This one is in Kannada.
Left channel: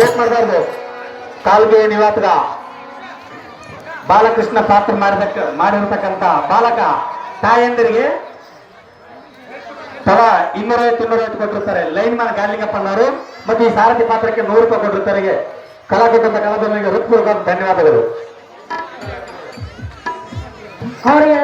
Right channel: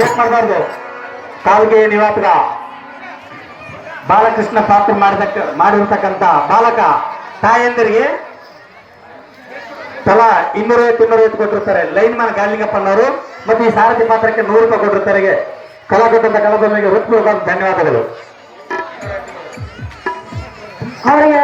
ಲೇಟ್ ಮಾಡಬಾರ್ದು. ತಾಲೂಕಿನ ನಿವಾಸದ ಬಾಲಕೃಷ್ಣ ಪಾತ್ರ ಮಾಡಿರ್ತಕ್ಕಂಥ ಬಾಲಕ ತಾಯಂದಿರಿಗೆ ತಲಾ 250 ಕೊಟ್ಟಿರ್ತಾರೆ. ಲೈನ್ ಮ್ಯಾನ್ ಗಾಲಿಗಪ್ಪನವರು ಮತ್ತು ಈ ಸಾರಥಿ ಪಾತ್ರಕ್ಕೆ 100 ರೂಪಾಯಿ ಕೊಟ್ಟಿರ್ತಾರೆ. ಕಲಾವಿದರಿಗೆ ಹೃತ್ಪೂರ್ವಕ ಧನ್ಯವಾದಗಳು. ಅವರಿಗೆ